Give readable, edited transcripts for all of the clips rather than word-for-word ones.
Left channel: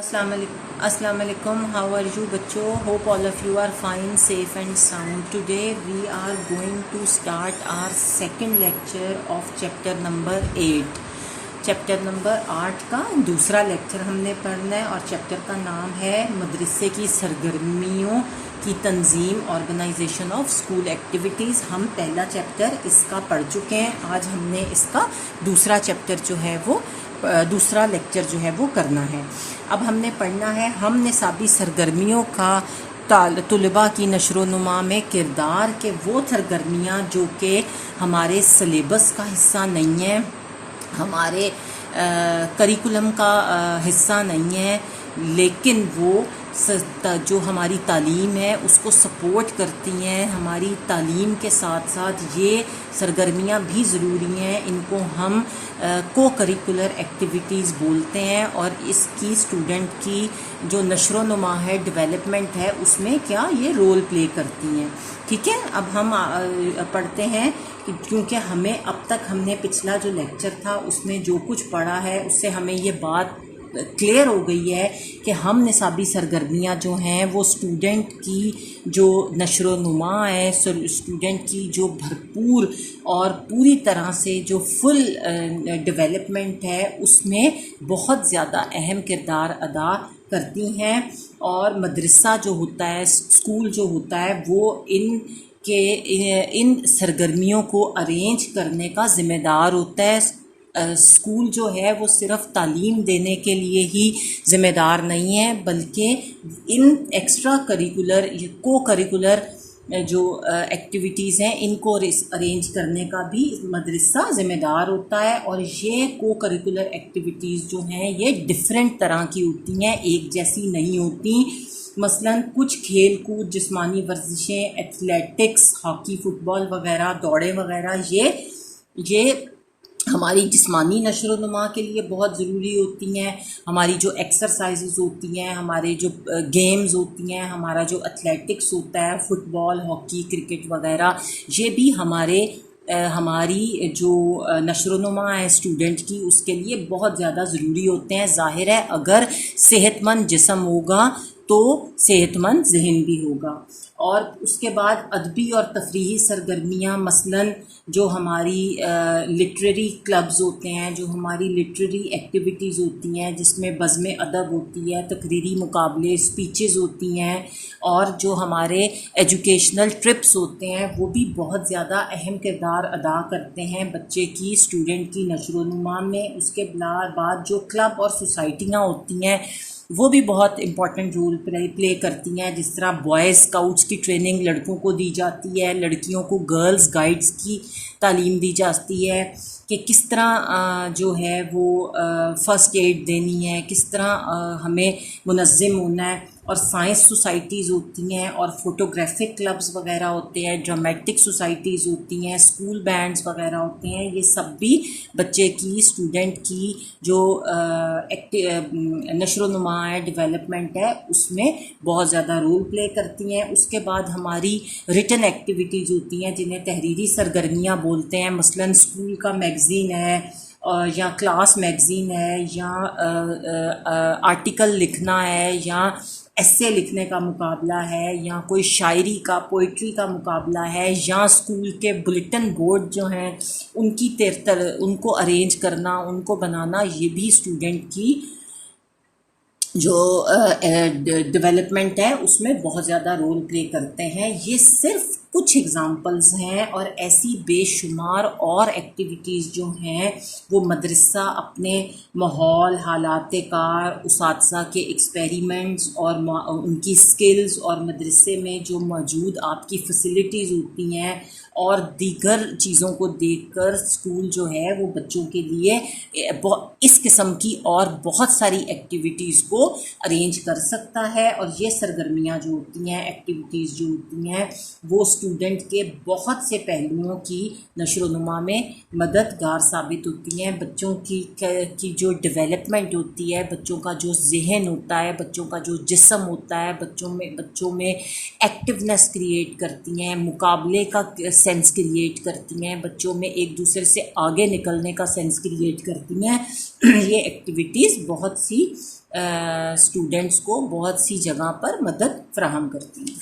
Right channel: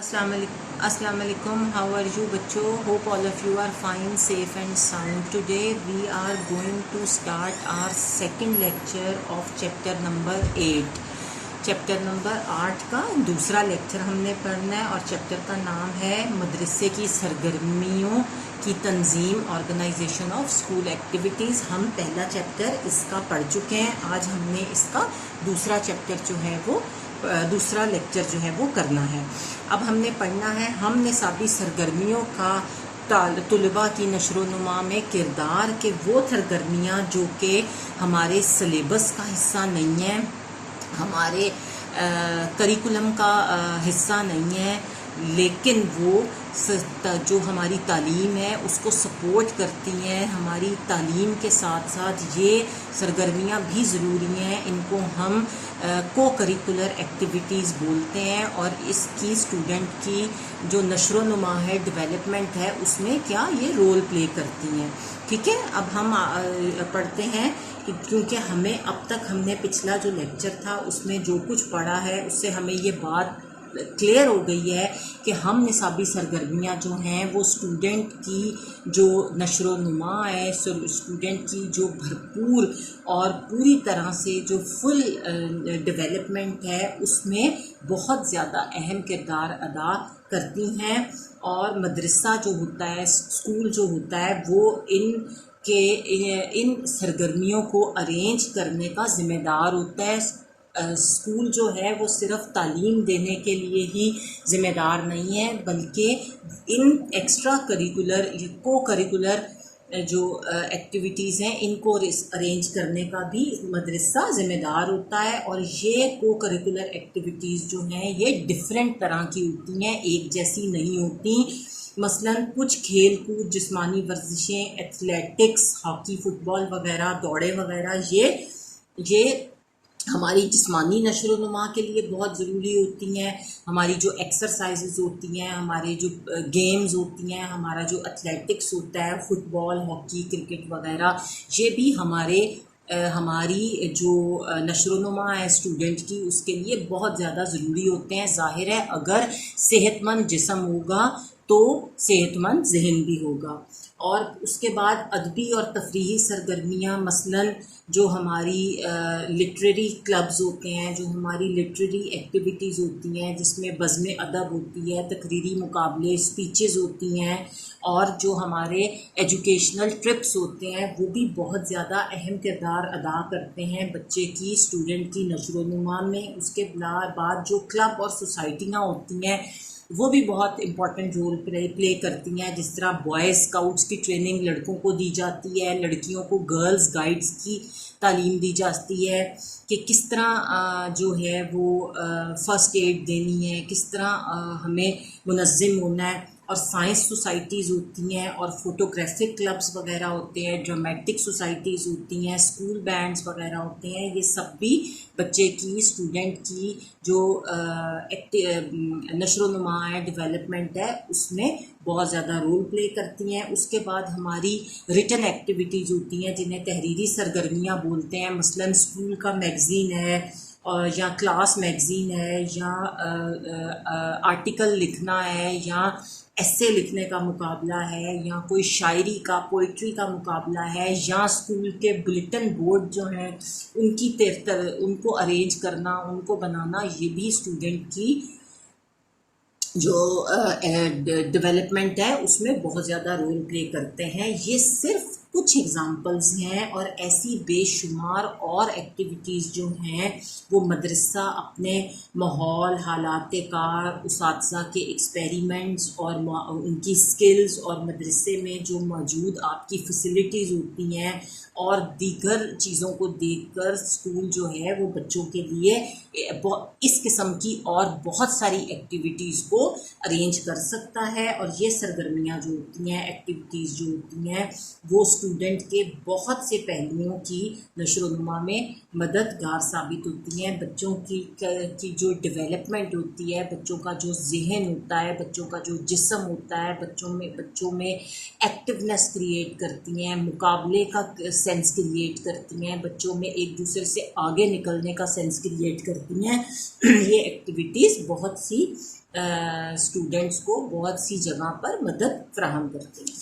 अस्सलाम वालेकुम, how are you बच्चों? Hope all of you are fine, safe and sound. Today we are going to start our second lecture of chapter number 8. Chapter number 8 का दूसरा lecture हमने पढ़ना है और चैप्टर का नाम है मदरसे की सरगर्मियों की तंजीम, ऑर्गेनाइजेशन ऑफ स्कूल एक्टिविटीज़. हम पहला चैप्टर इसका पढ़ चुके हैं. आज हमने इसका दूसरा चैप्टर जो है वो दूसरा लेक्चर जो है वो करना है. अब हमने पढ़ना है हम निसाबी सरगर्मियों का तलबा की नशो नुमा में किरदार के वो सरगर्मियाँ जो कि हमारे सिलेबस का हिस्सा नहीं है, हमारे करिकुलम का हिस्सा नहीं है, लेकिन वो जो हमारी तालीम है उसको सपोर्ट करती हैं. हमारी तालीम के साथ साथ ये सरगर्मियाँ भी ज़रूरी हैं. इनको हम को करिकुलर एक्टिविटीज़ बोलते हैं और इसकी स्टूडेंट की जो नशो नुमा है, डेवलपमेंट है, उसमें क्या ये रोल प्ले करती हैं. ठीक है, अब हम पढ़ते हैं कि क्योंकि हमें अब तक हमने पिछला जो लेक्चर था उसमें जो कुछ पढ़ा है उससे हमें ये बात क्लियर हो गई है कि हम निसाबी सरगर्मियाँ जो हैं वो स्टूडेंट की जो नशो नुमा है, स्टूडेंट की जो भरपूर और पूरी तरह से जो फुल डेवलपमेंट है उसमें बहुत ज़्यादा अहम किरदार अदा करती हैं. और मदरसा जो होता है, स्कूल जो होता है, वो इन सरगर्मियों को अरेंज करने का ज़िम्मेदार होता है. स्कूल जो है वो सिर्फ तालीम देने के लिए ही ज़िम्मेदार नहीं है, बल्कि इन एक्स्ट्रा करिकुलर को करिकुलर जो एक्टिविटीज़ हैं इनको अरेंज करने का भी मदरसा ज़िम्मेदार होता है. और ये को करिकुलर एक्टिविटीज़ जो हैं ये डिफरेंट तरह की होती हैं, एक जैसी नहीं होती. मसलन कुछ खेल कूद, जिस्मानी वर्जिशें, एथलेटिक्स, हॉकी, फुटबॉल वगैरह, दौड़े वगैरह, ये हमारी जिस्मानी नशो नुमा के लिए बहुत ज़रूरी होती हैं. हमारी जो एक्सरसाइजेज होती हैं, हमारे जो गेम्स होती हैं, हमारा जो एथलेटिक्स होता है, फुटबॉल, हॉकी, क्रिकेट वगैरह, ये भी हमारी जो नशो नुमा है स्टूडेंट की उसके लिए बहुत ज़्यादा ज़रूरी होते हैं. ज़ाहिर है अगर सेहतमंद जिस्म होगा तो सेहतमंद जहन भी होगा. और उसके बाद अदबी और तफरीही सरगर्मियाँ, मसलन जो हमारी लिटरेरी क्लब्स होते हैं, जो हमारी लिटरेरी एक्टिविटीज़ होती हैं जिसमें बज़्म अदब होती है, तकरीरी मुकाबले, स्पीचेस होती हैं, और जो हमारे एजुकेशनल ट्रिप्स होते हैं वो भी बहुत ज़्यादा अहम किरदार अदा करते हैं बच्चे की, स्टूडेंट की नशो नुमा में. उसके बाद जो क्लब और सोसाइटियाँ होती हैं वो भी बहुत इम्पॉर्टेंट रोल प्ले करती हैं. जिस तरह बॉयज़ स्काउट्स की ट्रेनिंग लड़कों को दी जाती है, लड़कियों को गर्ल्स गाइड्स की तालीम दी जाती है कि किस तरह जो है वो फ़र्स्ट एड देनी है, किस तरह हमें मुनज़्ज़म होना है. और साइंस सोसाइटीज़ होती हैं, और फोटोग्राफिक क्लब्स वगैरह होते हैं, ड्रामेटिक सोसाइटीज़ होती हैं, स्कूल बैंड्स वगैरह होते हैं. ये सब भी बच्चे की, स्टूडेंट की जो नशो नुमा है, डेवलपमेंट है, उसमें बहुत ज़्यादा रोल प्ले करती हैं. उसके बाद हमारी रिटन एक्टिविटीज़ होती हैं जिन्हें तहरीरी सरगर्मियाँ बोलते हैं. मसलन स्कूल का मैगज़ीन है, या क्लास मैगज़ीन है, या आर्टिकल लिखना है, या ऐसे लिखने का मुकाबला है, या कोई शायरी का, पोइट्री का मुकाबला है, या स्कूल के बुलेटिन बोर्ड जो हैं उनको अरेंज करना, उनको बनाना, ये भी स्टूडेंट की जो डेवलपमेंट है उसमें बहुत ज़्यादा रोल प्ले करते हैं. ये सिर्फ कुछ एग्ज़ाम्पल्स हैं, और ऐसी बेशुमार और एक्टिविटीज़ जो हैं वो मदरसा अपने माहौल, हालात कार, उसातिज़ा के एक्सपेरिमेंट्स और उनकी स्किल्स, और मदरसे में जो मौजूद आपकी फैसिलिटीज़ होती हैं और दीगर चीज़ों को देखकर स्कूल जो है वो बच्चों के लिए इस किस्म की और बहुत सारी एक्टिविटीज़ को अरेंज कर सकता है. और ये सरगर्मियाँ जो होती हैं, एक्टिविटीज़ जो होती हैं, वो स्टूडेंट के बहुत से पहलुओं की नशोनुमा में मददगार साबित होती हैं। बच्चों की जो डेवलपमेंट होती है, बच्चों का जो जहन होता है, बच्चों का जो जिस्म होता है, बच्चों में एक्टिवनेस क्रिएट करती हैं, मुकाबले का सेंस क्रिएट करती हैं, बच्चों में एक दूसरे से आगे निकलने का सेंस क्रिएट करती हैं। ये एक्टिविटीज़ बहुत सी स्टूडेंट्स को बहुत सी जगह पर मदद फ्राहम करती हैं।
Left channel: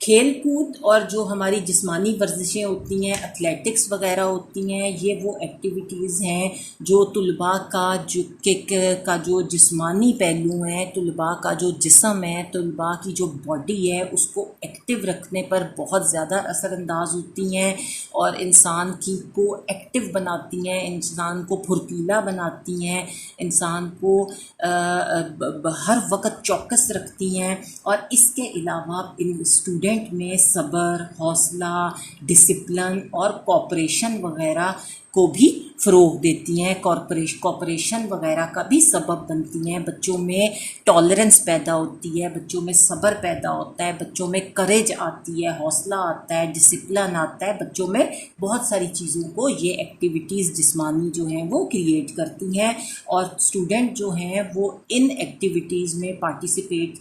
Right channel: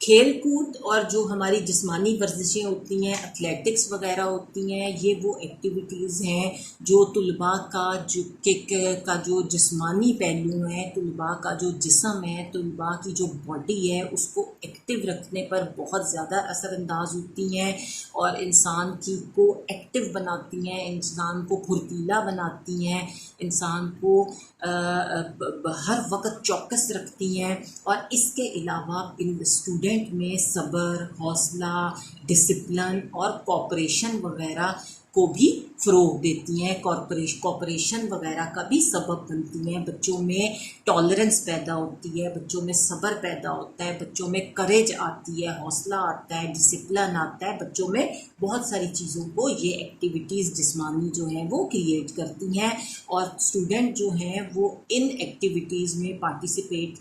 खेल कूद और जो हमारी जिस्मानी वर्जिशें होती हैं, एथलेटिक्स वगैरह होती हैं, ये वो एक्टिविटीज़ हैं जो तुलबा का जो जिस्मानी पहलू हैं, तुलबा का जो जिस्म है, तुलबा की जो बॉडी है, उसको एक्टिव रखने पर बहुत ज़्यादा असरअंदाज होती हैं और इंसान को एक्टिव बनाती हैं, इंसान को फुर्तीला बनाती हैं, इंसान को हर वक्त चौकस रखती हैं। और इसके अलावा इन स्टूडेंट में सब्र, हौसला, डिसिप्लिन और कॉपरेशन वगैरह को भी फ़रोग़ देती हैं, कॉपरेशन वगैरह का भी सबब बनती हैं। बच्चों में टॉलरेंस पैदा होती है, बच्चों में सब्र पैदा होता है, बच्चों में करेज आती है, हौसला आता है, डिसिप्लिन आता है, बच्चों में बहुत सारी चीज़ों को ये एक्टिविटीज़ जिस्मानी जो हैं वो क्रिएट करती हैं। और स्टूडेंट जो हैं वो इन एक्टिविटीज़ में पार्टिसिपेट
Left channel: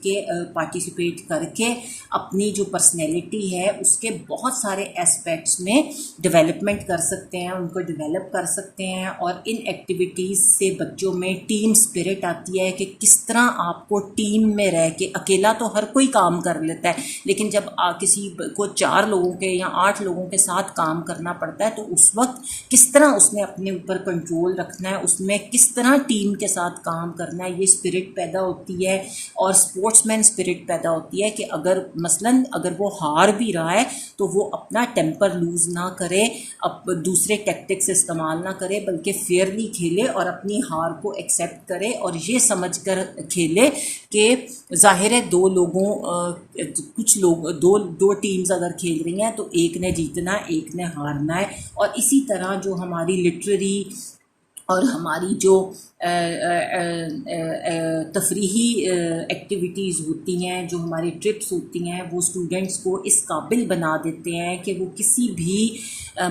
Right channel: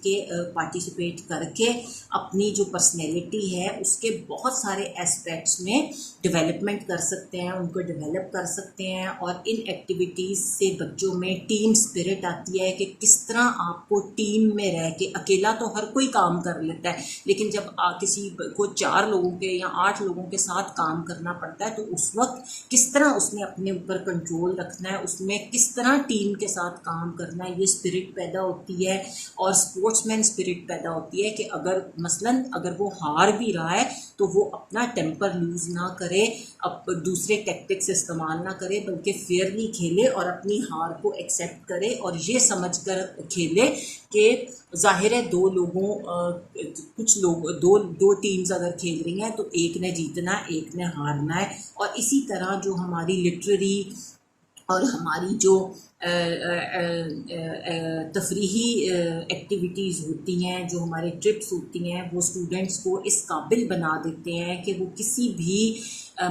करके अपनी जो पर्सनैलिटी है उसके बहुत सारे एस्पेक्ट्स में डेवलपमेंट कर सकते हैं, उनको डेवलप कर सकते हैं। और इन एक्टिविटीज़ से बच्चों में टीम स्पिरिट आती है कि किस तरह आपको टीम में रह के, अकेला तो हर कोई काम कर लेता है, लेकिन जब किसी को 4 लोगों के या 8 लोगों के साथ काम करना पड़ता है तो उस वक्त किस तरह उसने अपने ऊपर कंट्रोल रखना है, उसमें किस तरह टीम के साथ काम करना है, ये स्पिरिट पैदा होती है। और स्पोर्ट्समैन स्पिरिट पैदा होती है कि अगर वो हार भी रहा है तो वो अपना टेम्पर लूज़ ना करे, अब दूसरे टैक्टिक्स इस्तेमाल ना करे, बल्कि फेयरली खेले और अपनी हार को एक्सेप्ट करे और ये समझकर खेले कि ज़ाहिर है दो टीम्स अगर खेल रही हैं तो एक ने जीतना है, एक ने हारना है। और इसी तरह जो हमारी लिटरेरी और हमारी जो तफरीही एक्टिविटीज़ होती हैं, जो हमारे ट्रिप्स होती हैं, वो स्टूडेंट्स को इस काबिल बना देते हैं कि वो किसी भी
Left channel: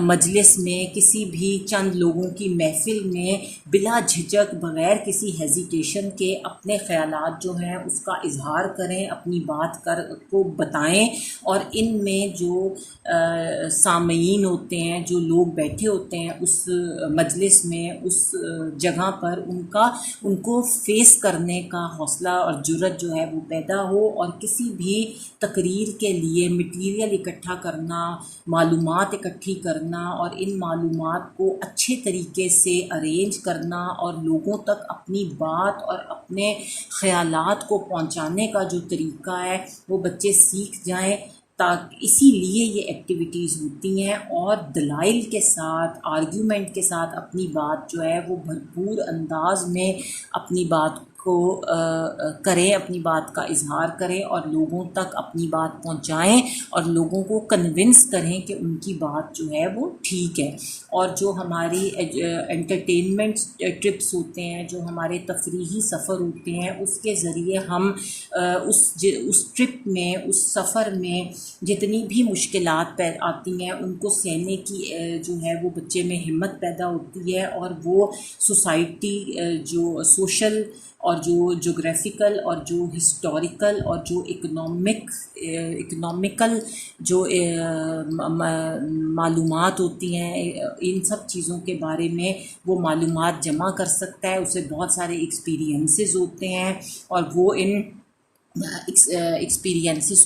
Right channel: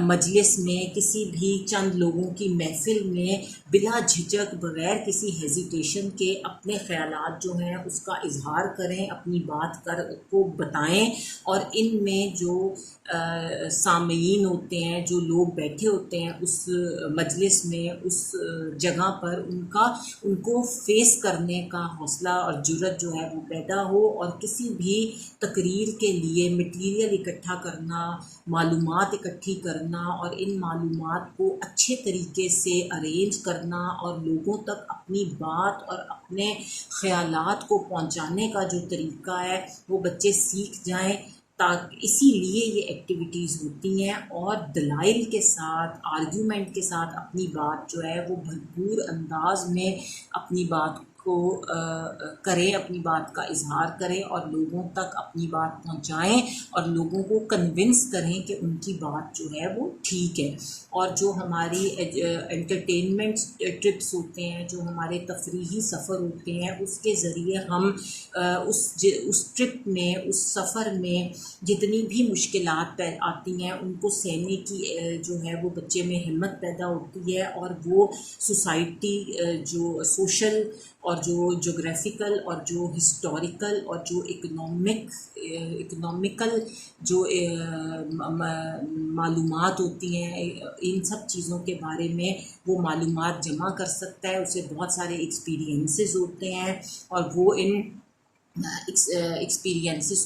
मजलिस में, किसी भी चंद लोगों की महफिल में बिला झिझक, बग़ैर किसी हेजिटेशन के अपने ख़यालात जो हैं उसका इजहार करें, अपनी बात को बताएं। और इनमें जो सामईन होते हैं, जो लोग बैठे होते हैं उस मजलिस में, उस जगह पर, उनको फेस करने का हौसला और जुर्रत जो है वो पैदा हो। और किसी भी तकरीर के लिए मटीरियल इकट्ठा करना, मालूमात इकट्ठी करना और इन मालूमात को अच्छे तरीके से अरेंज करना और लोगों तक अपनी बात और अपने ख़यालात को पहुंचाने का जो तरीका है वो बच्चे सीख जाएं। इसीलिए ये एक्टिविटीज़ होती हैं और दलाइल के साथ, आर्ग्यूमेंट के साथ अपनी बात जो है वो भरपूर अंदाज में अपनी बात को करें, अपनी बात का इजहार करें और लोगों तक अपनी बात पहुंचाएं और लोगों को कन्विंस करें कि उनकी बात जो है वो ठीक है। और जो हमारी एंटरटेनमेंट ट्रिप्स होते हैं, जो हमारे तफरीही सफ़र होते हैं, उसके ज़रिए हम उस ट्रिप में, उस सफ़र में जितनी भी मुश्किलात आती हैं उनको सहने की जो है वो बच्चे में हिम्मत पैदा होती है। और वो सोसाइटी, जो सोशल और जो जोग्राफ़िकल और जो हिस्टोरिकल और जो इकनॉमिकल जो मालूमात होती हैं, इन सब चीज़ों के बारे में वो मालूमात जमा कर सकता है। उसे बहुत सारे एक्सपीरियंसेस होते हैं और वो इन एक्सपीरियंसेस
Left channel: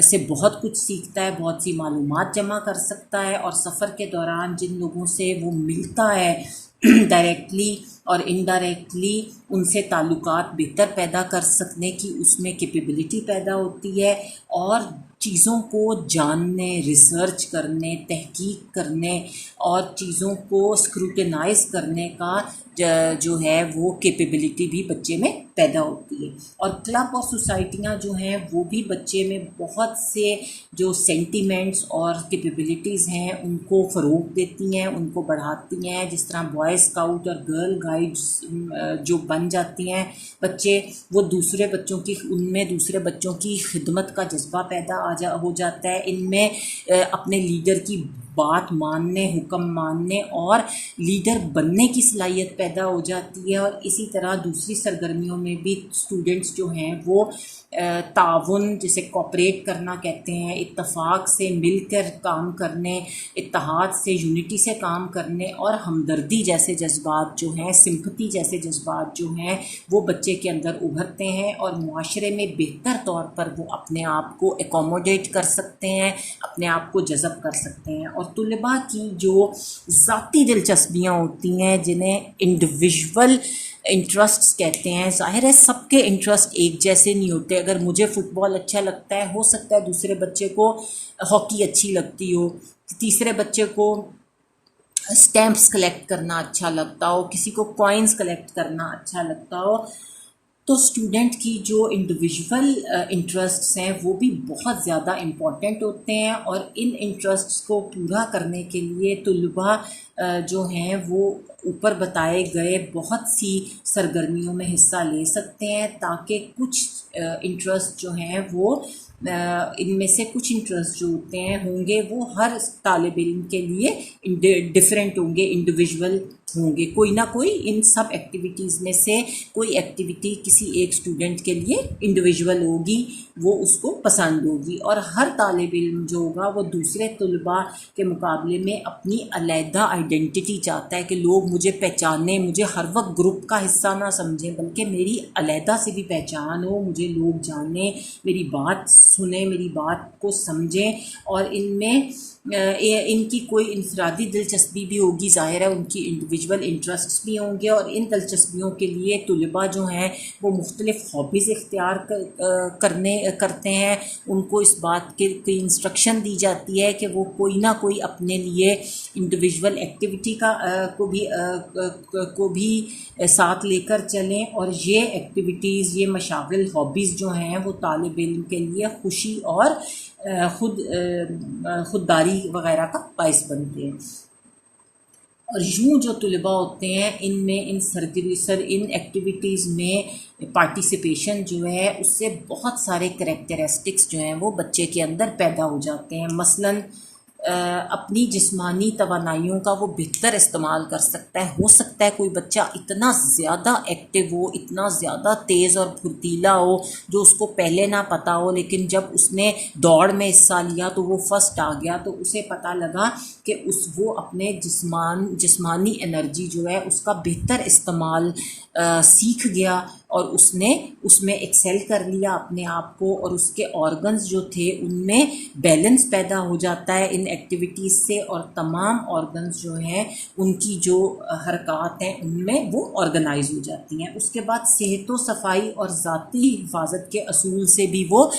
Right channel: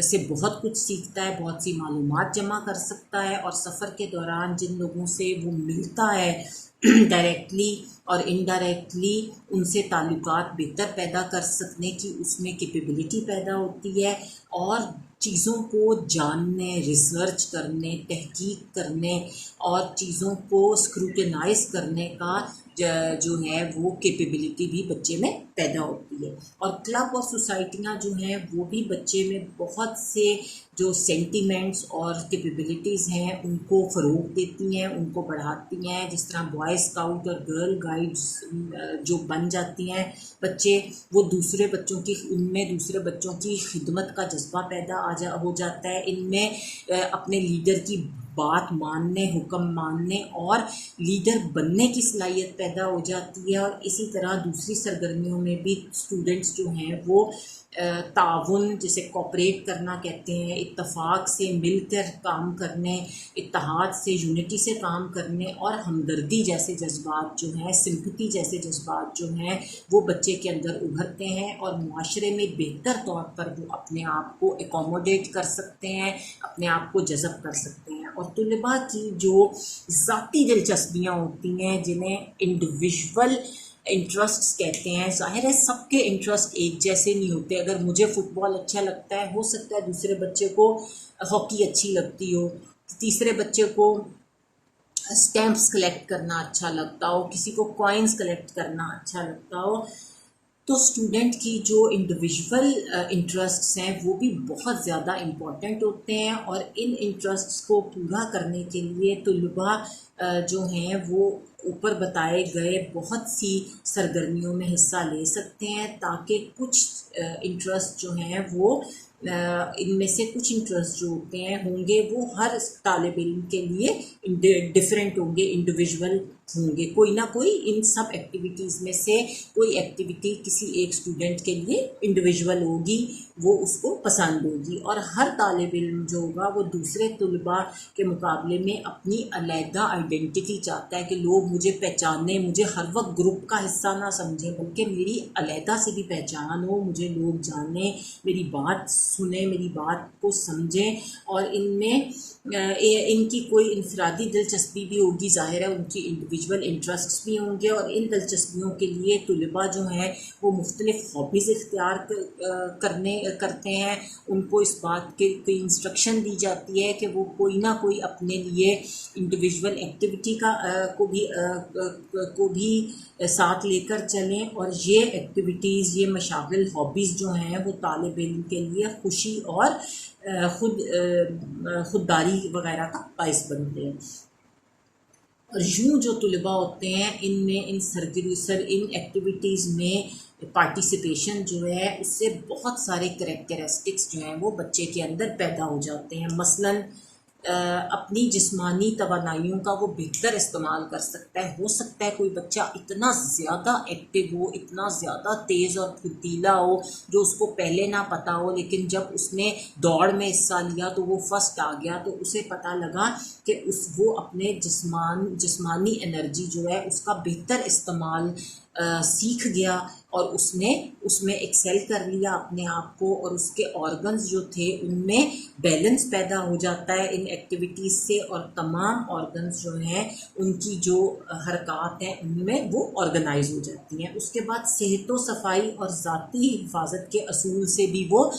से बहुत कुछ सीखता है, बहुत सी मालूमात जमा कर सकता है। और सफ़र के दौरान जिन लोगों से वो मिलता है डायरेक्टली और इनडायरेक्टली, उनसे ताल्लुकात बेहतर पैदा कर सकने की उसमें कैपेबिलिटी पैदा होती है। और चीज़ों को जानने, रिसर्च करने, तहकीक करने और चीज़ों को स्क्रूटनाइज करने का जो है वो कैपेबिलिटी भी बच्चे में पैदा होती है। और क्लब और सोसाइटियाँ जो हैं वो भी बच्चे में बहुत से जो सेंटिमेंट्स और कैपेबिलिटीज़ हैं उनको फ़रोग़ देती हैं, उनको बढ़ाती हैं। जिस तरह बॉय स्काउट और गर्ल गाइड्स जो बन जाती हैं बच्चे, वो दूसरे बच्चों की उनमें दूसरे बच्चों की खिदमत का जज्बा पैदा हो जाता है। इनमें अपने लीडर की बात मानने, हुक्म मानने और लीडर बनने की सलाहियत पैदा हो जाती है। और इसी तरह दूसरी सरगर्मियों में भी स्टूडेंट्स जो हैं वो ताउन, जिसे कोऑपरेट करना कहते हैं, इत्तफाक से मिलकर काम करने, इत्तेहाद से, यूनिटी से काम करने और हमदर्दी जैसे जज्बात जो हैं, सिंपथी जैसे जज्बात जो हैं वो बच्चे के अंदर उभरते हैं और मुआशरे में बेहतर तौर पर वो अपने आप को एकोमोडेट कर सकते हैं, अपने आप को जज़ब कर सकते हैं। और तुलबा की जो ज़ाती दिलचस्पियाँ होती हैं, जिन्हें इंडिविजुअल इंटरेस्ट्स कहते हैं, ज़ाहिर है सबके इंटरेस्ट एक जैसे नहीं होते। अगर मुझे फ़ुटबॉल अच्छा लगता है, हो सकता है दूसरे बच्चे को हॉकी अच्छी लगती हो, तीसरे बच्चे को स्टैम्प्स कलेक्ट करना अच्छा लगता हो, किसी को कॉइन्स कलेक्ट करना अच्छा लगता हो। तो स्टूडेंट की जो इंडिविजुअल इंटरेस्ट्स हैं वो भी बहुत ज़्यादा इम्पॉर्टेंट होते हैं। और इन इंटरेस्ट्स को पूरा करने के लिए तुलबा जो हैं वो ऊपर बताए गए बहुत सी सरगर्मियों में हिस्सा ले सकते हैं, ताकि कुछ इंटरेस्ट जो हैं वो इनमें से कुछ इंटरेस्ट जो होंगे वो हर तालिब इल्म के लिए डिफरेंट होंगे, इंडिविजुअल होंगे। कोई ना कोई इन सब एक्टिविटीज़ में से कोई एक्टिविटी किसी एक स्टूडेंट के लिए इंडिविजुअल होगी, वो उसको पसंद होगी। और हर तालिब इल्म जो होगा वो दूसरे तुलबा के मुकाबले में अपनी अलहदा आइडेंटिटी चाहता है कि लोग मुझे पहचानें, मुझे हर वक्त ग्रुप का हिस्सा ना समझें, बल्कि मेरी अलहदा से भी पहचान हो, मुझे लोग जानें, मेरी बात सुने, मेरी बात को समझें। और इनमें इनकी कोई इनफरादी दिलचस्पी भी होगी, ज़ाहिर है उनकी इंडिविजुअल इंटरेस्ट्स भी होंगे। और इन दिलचस्पियों के लिए तुलबा जो हैं वो मुख्तलिफ़ हॉबीज़ इख्तियार करते हैं। उनको इस बात के कोई इंस्ट्रक्शन दी जाती है कि वो कोई ना कोई अपने लिए इंडिविजुअल एक्टिविटी को भी साथ लेकर चलें। और ये एक्टिविटीज़, ये मशागिल, हॉबीज़ जो हैं वो तालिब इल्म के लिए खुशी और खुददारी वग़ैरह का बाइस बनते हैं। और यूँ जो तुलबा होते हैं इनमें इन एक्टिविटीज़ में पार्टिसिपेशन जो है उससे बहुत सारे करैक्टरिस्टिक्स जो हैं वो बच्चे के अंदर पैदा हो जाते हैं। मसलन अपनी जिस्मानी तवानाइयों का वो बेहतर इस्तेमाल कर सकता है। हो सकता है कोई बच्चा इतना ज़्यादा एक्टिव हो, इतना ज़्यादा तेज़ और फुर्तीला हो जो उसको पहले ना पता हो, लेकिन जब उसने दौड़ में हिस्सा लिया तो वो फर्स्ट आ गया, तो उसे पता लगा कि वो अपने जिस्मानी एनर्जी जो है उसका बेहतर इस्तेमाल सीख गया और उसने उसमें एक्सेल कर लिया अपने आप को। और उसके ऑर्गन्स जो थे उनमें बैलेंस पैदा हो जाता है इन एक्टिविटीज़ से, और तमाम ऑर्गन्स जो हैं उनकी जो हरकत हैं उनमें वो ऑर्गेनाइज हो जाती हैं। उसके बाद सेहत व सफाई और ज़ाती हिफाजत के असूल से भी वो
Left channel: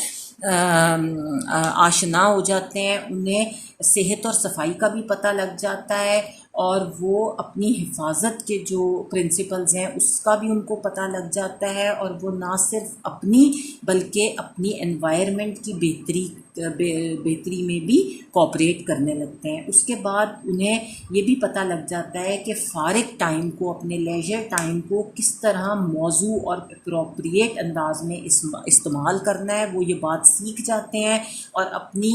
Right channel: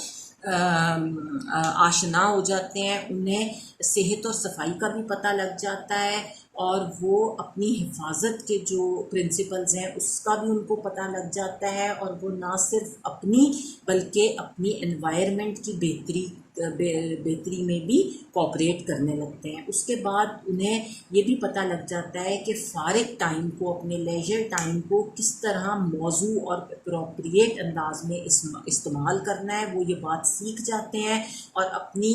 आशना हो जाते हैं। उन्हें सेहत और सफाई का भी पता लग जाता है और वो अपनी हिफाजत के जो प्रिंसिपल्स हैं उसका भी उनको पता लग जाता है। और वो ना सिर्फ अपनी बल्कि अपनी एनवायरनमेंट की बेहतरी में भी कोऑपरेट करने लगते हैं। उसके बाद उन्हें ये भी पता लग जाता है कि फ़ारिग टाइम को, अपने लेजर टाइम को किस तरह मौजू और अप्रोप्रिएट अंदाज में इस्तेमाल करना है, वो ये बात सीख जाते हैं। और अपनी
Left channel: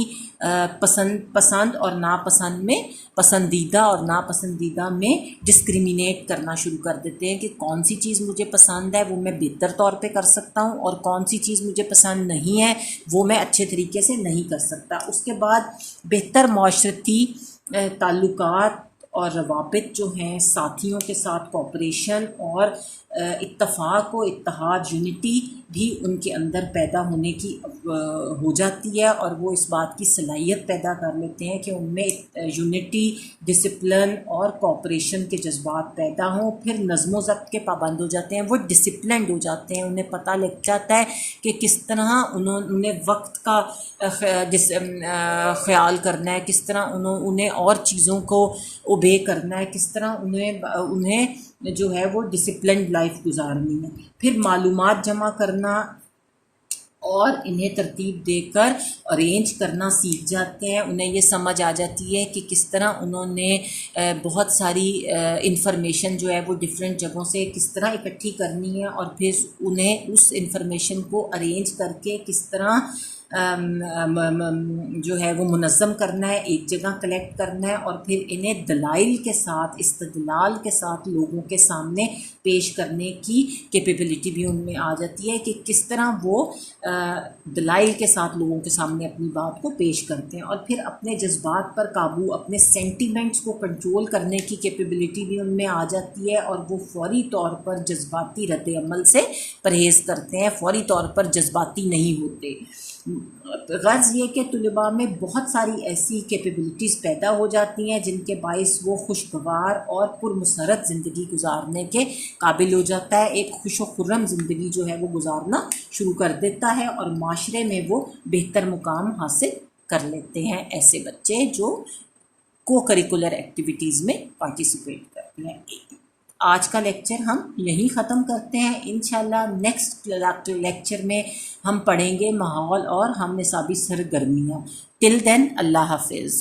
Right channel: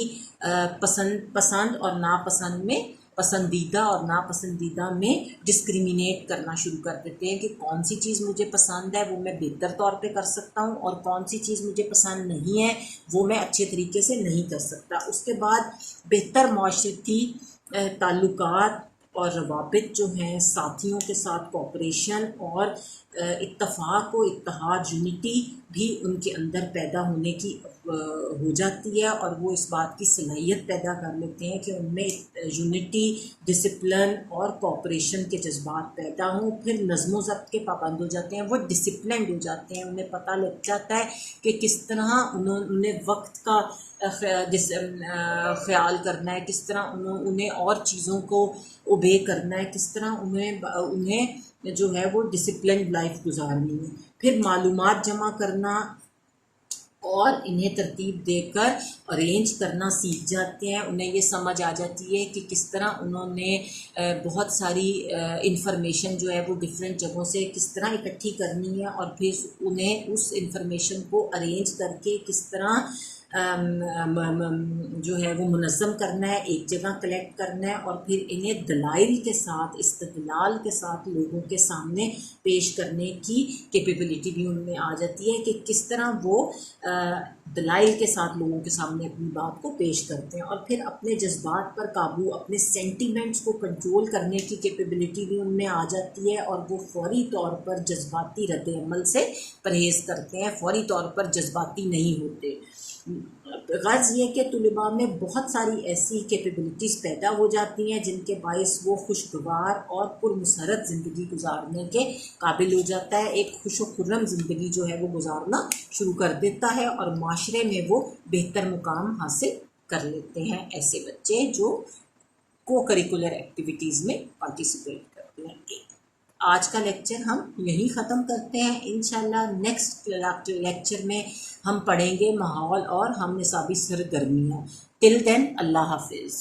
पसंद और नापसंद में, पसंदीदा और नापसंदीदा में डिस्क्रिमिनेट करना शुरू कर देते हैं कि कौन सी चीज़ मुझे पसंद है वो मैं बेहतर तौर पे कर सकता हूँ और कौन सी चीज़ मुझे पसंद नहीं है वो मैं अच्छे तरीके से नहीं कर सकता। उसके बाद बेहतर माशरती ताल्लुकात और रवाबित जो हैं, साथियों के साथ कोऑपरेशन और इत्तफाक व इत्तेहाद, यूनिटी भी उनके अंदर पैदा होने की हो जाती है, और वो इस बात की सलाहियत पैदा कर लेते हैं कि उनमें यूनिटी, डिसिप्लिन और कोऑपरेशन के जज्बात पैदा हों। फिर नज़्म ज़ब्त के पाबंद हो जाते हैं, वो डिसिप्लिन्ड हो जाते हैं, उन्हें पता लग जाता है कि किस तरह उन्हें वक्त का ख्याल करना है, किस तरह उन्हें और चीज़ों को ओबे करना है, किस तरह उन्हें जो है वो डिसिप्लिन्ड लाइफ गुजारनी है। फिर मालूमात जमा करना और इन्हें तरतीब देकर अरेंज करना सीख जाते हैं। उन्हें ये समझ आ जाती है कि किस तरह उन्होंने बहुत सारी इंफॉर्मेशन जो है वो डिफरेंट जगहों से किस तरह इकट्ठी करनी है, और फिर उन्हें उस इंफॉर्मेशन को अरेंज करके किस तरह जो है वो मुनज़्ज़म करना है, एक जगह कलेक्ट करना है, और फिर इन्हें दलाइल के साथ, इस्तदलाल के साथ लोगों के सामने पेश करने की कैपेबिलिटी भी उनमें आ जाती है कि किस तरह वो दलाइल के साथ लोगों के सामने अपनी बात को पेश करते हैं। और फिर अपने जज्बात पर काबू, अपने सेंटिमेंट्स को कंट्रोल करने की कैपेबिलिटी भी उनमें आ जाती है, और वो फौरी तौर पर जज्बाती रद्द अमल से परहेज़ करते हैं, फौरी तौर पर जज्बाती नहीं होते। गर्ज़ ये कि तुलबा में बहुत सारी ऐसी कैपेबिलिटीज़ पैदा हो जाती हैं जिनके बाइस वो खुशगवार और पुरमसरत ज़िंदगी गुजारने के काबिल हो जाता है। एक खुश व खुर्रम ज़िंदगी जो है वो गुजारना शुरू कर देता है, और माशरे में वो बेहतर मुकाम हासिल कर लेते हैं ऐसे बच्चे जो को करिकुलर एक्टिविटीज़ में पार्टिसिपेट करते हैं। आज का लेक्चर हम यहीं ख़त्म करते हैं। इंशाल्लाह नेक्स्ट लेक्चर में हम पढ़ेंगे माहौल और हम निसाबी सरगर्मियाँ। टिल देन अल्लाह हाफिज़।